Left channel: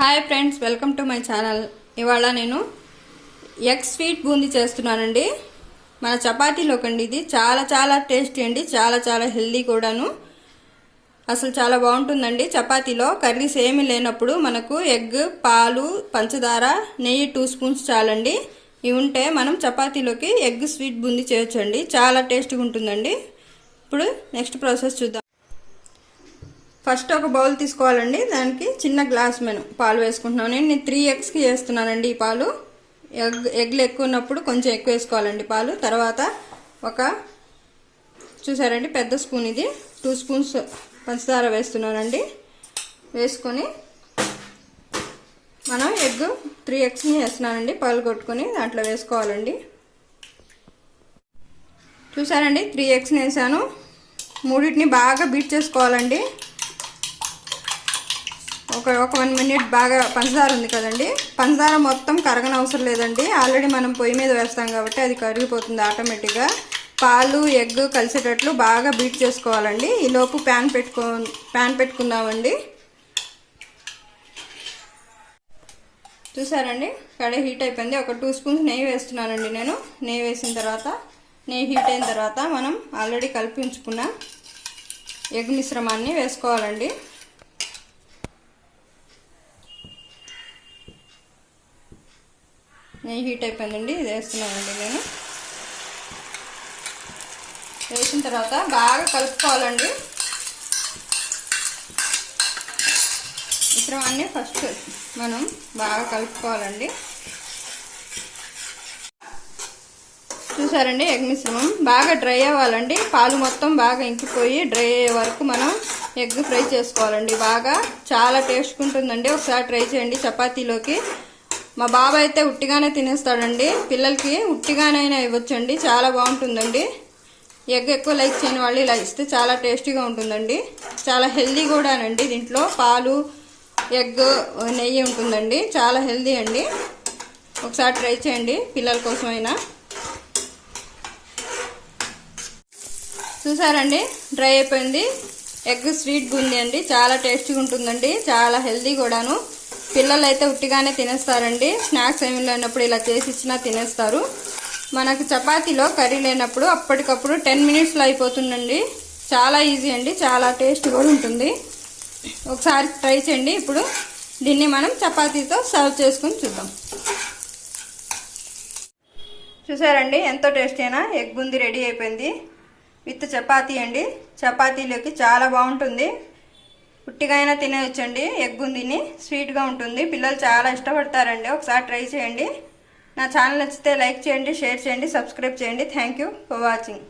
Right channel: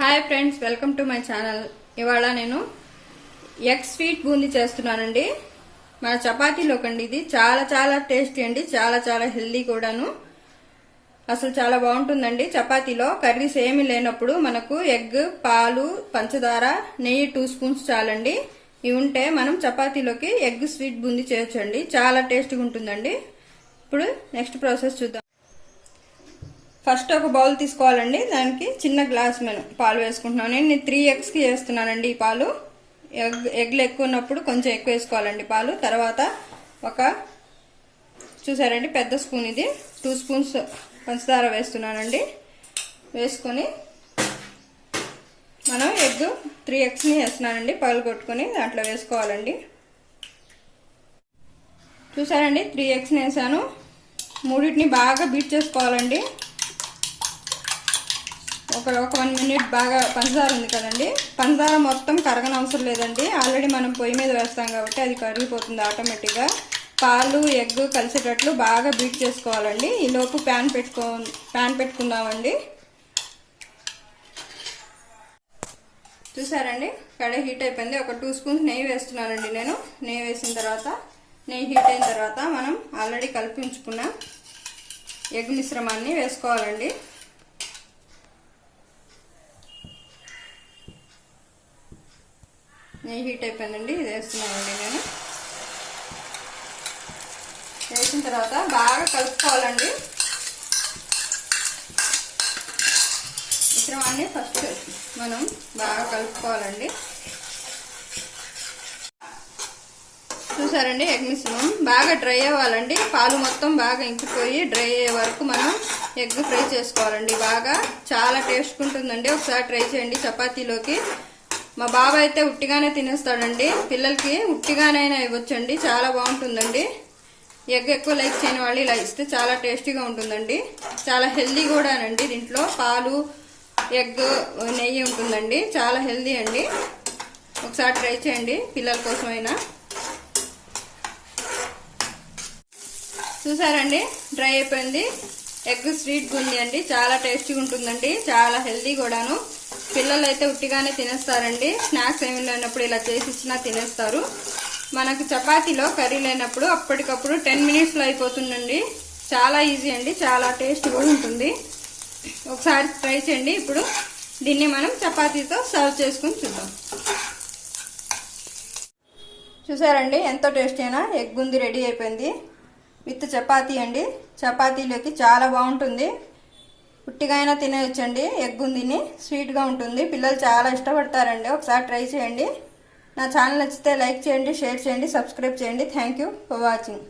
Hi friends, welcome to my channel. ఇవాళ నేను egg sweet boondi చేస్తున్నానండి. మన చపాతీలోకండి. ఇది చాలా చాలా టేస్టీ అండి, చాలా చాలా హెల్దీ కూడాను. అసలు చాలా బాగుంటుందండి. చపాతీలో కర్రీస్ ఏమీ లేనప్పుడు మనకు ఎగ్, పాలు, పంచదార, నెయ్యి 2 స్పూన్స్ చాలండి. ఇవి ఉంటే మనం చపాతీలోకి ఎగ్ స్వీట్ బూందీ చేయొచ్చండి. చాలా టేస్టీగా ఉంటుందండి. ఇప్పుడు నెక్స్ట్ ప్రాసెస్ చూద్దాం. ఫస్ట్ ఒక బౌల్ తీసుకోవాలండి. దానికి చిన్న గ్లాస్ పాలు వేసుకుంటున్నాను. నేను 3 ఎగ్స్కి వేస్తున్నానండి ఈ పాలు. ఎగ్లు ఎక్కువ ఉన్నప్పుడు కొంచెం ఎక్కువ వేసుకోవాలండి పాలు. తర్వాత చూసారండి పెద్ద స్పూన్, ఇది 2 స్పూన్స్ పంచదార వేస్తున్నానండి. వేసుకొని మనం 3 ఎగ్స్ని వేస్తున్నానండి. పాలు కొట్టుకొని దాంట్లో వేసుకోవాలండి. చూసారండి 3 ఎగ్స్ని వేసాను. మూడింటిని బాగా బీట్ చేసుకోవాలండి. ఒక 1 మినిట్ బాగా. పంచదార ఉంది కదండి, పంచదార మొత్తం కరగనవసరం లేదండి. ఆల్రెడీ మనం పొయ్యి మీద వేస్తాం కాబట్టి అది కరిగిపోతుంది ఆటోమేటిక్గా. పాలు, ఎగ్ కలిసేటట్లు బాగా బీట్ చేసుకోవాలండి. ఈలోపు ప్యాన్ పెట్టుకుందామండి. చూసారండి కడాయి హీట్ అయిపోయింది. ఒక 2 స్పూన్స్ నెయ్యి వేస్తున్నానండి నేను. నెయ్యి వేసిన తర్వాత, నెయ్యి హీట్ అయిన తర్వాత మనం ఆల్రెడీ కలిపి ఉంచుకున్న ఎగ్ మిశ్రమాన్ని వేసుకోవాలండి. నెయ్యి హీట్ అయిపోయిందండి. ఇది వేస్తున్నానండి నేను. వేసిన తర్వాత బాగా కలుపుకోవాలండి. మిశ్రమాన్ని ఫస్ట్ మనం బాగా కలుపుకోవాలండి. చూసారండి ఎగ్ మిశ్రమం బాగా డ్రై అవ్వాలండి. పాలు మొత్తం బాగా ఇంకిపోయి డ్రై అయ్యే వరకు మనం ఎగ్ ఫ్రై చేసుకోవాలండి. బాగా చాలా టేస్ట్ ఉంటుందండి. ఒకసారి ట్రై చేయండి చపాతీలోకి. మా బాబాయ్ అయితే ఉట్టిగానే తినేస్తాడండి. పిల్లలకి ఉట్టిగానైనా ఇవ్వచ్చండి, చాలా బాగుంటుందండి. ఎగ్ ఎక్కువ లైక్ చేయని వాళ్ళు ఇలా ఇస్తే చాలా టేస్టీగా ఉంటుందండి. చాలా హెల్దీ కూడానండి. దీంట్లో పాలు, ఎగ్, నెయ్యి ఉంటుందండి. చాలా హెల్దీ అండి. ఒకసారి ట్రై చేయండి పిల్లల కోసమైనా. చూసారండి డ్రై అయిపోయింది. ఎగ్ స్వీట్ బూందీ అండి. చాలా టేస్టీగా ఉంటుందండి, చాలా హెల్దీ కూడాను. పిల్లలు అయితే ఉట్టిగానే తినేస్తారండి. స్నాక్స్ ఏమి లేనప్పుడు ఇలా చేసి ఇచ్చినా తినేస్తారు. మనకు చపాతీలో కర్రీ లేనప్పుడు అప్పటికప్పుడు 10 మినిట్స్లో అయిపోతుందండి. చాలా ఈజీ అండి, చాలా టేస్ట్ కూడా ఉంటుంది. ఒకసారి ట్రై చేయండి. ఇప్పుడు దీన్ని మనం చపాతీతో సర్వ్ చేసుకుని చూద్దాం. చూసారండి ఎంతో టేస్టీ అయినా ఎగ్ బూందీ రెడీ అయిపోయింది. విత్ చపాతీ అండి. చపాతీలోకి చాలా బాగుంటుంది. ఉట్టిగా అయినా తినేయచ్చండి. ఎగ్ బూందీని స్వీట్గా ఉంటుంది. పిల్లలు చాలా ఇష్టపడతారండి. ఒకసారి ట్రై చేయండి. నా ఛానల్ నచ్చితే లైక్ చేయండి, షేర్ చేయండి, సబ్స్క్రైబ్ చేయండి. Thank you for watching.